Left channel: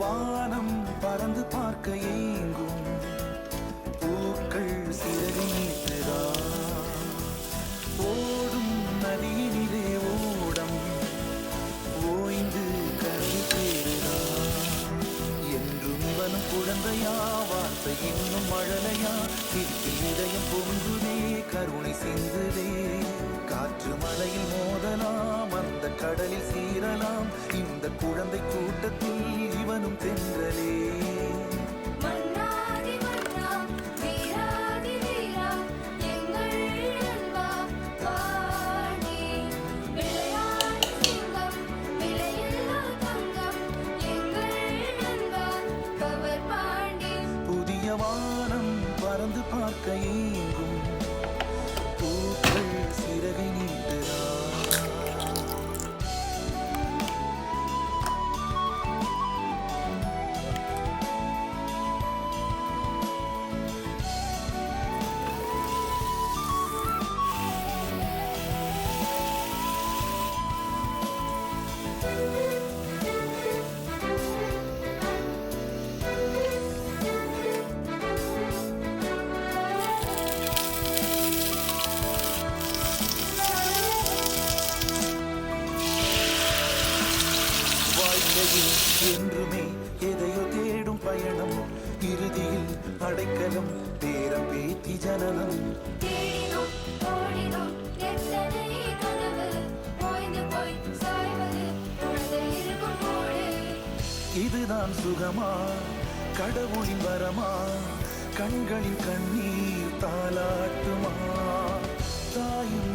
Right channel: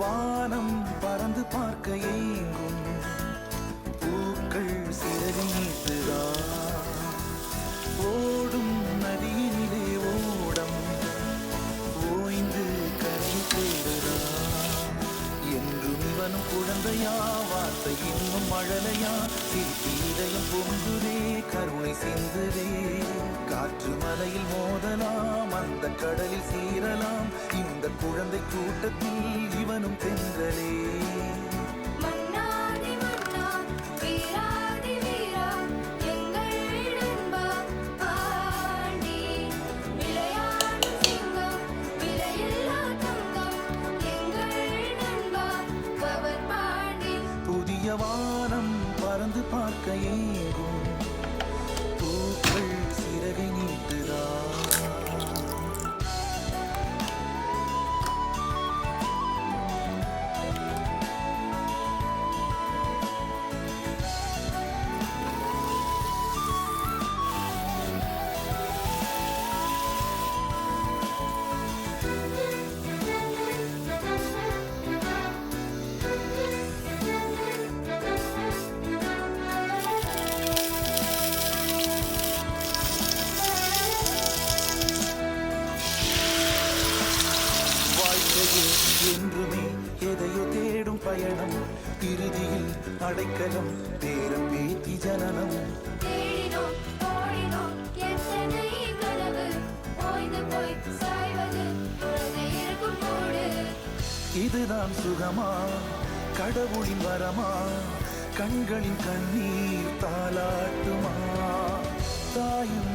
வானம் பறந்து பார்க்க ஏங்கும் பூக்கள் சிறகை நீட்டுதா ஓடும் நதியினிலே ஓடம் ஓய்ந்து கரை தேடுதா என்றும் இவனும் குழந்தையா வார்த்தை இன்னும் மழலையா சிரிப்பில் இதயம் பொங்குதே கருணை சிந்துதே காற்று மலையில் மோதலாம் அந்த கடலில் சீரலாம் இந்த குழந்தை கூட்டத்தில் இவனும் தென்றலே புதிய வானம் பறந்து பார்க்க ஏங்கும் பூக்கள் சிறகை நீட்டுதா வாழ்க்கையில் என்றுமே எதையோ தேடும் பயணம் இறுதியில் அடைக்கலம் பேரம் பேத்தி ஜனனம் இதுதான் சுகமா கடவுளின் வரமா கண்களின் கண்ணீர் தாலாட்டுமா தாயும்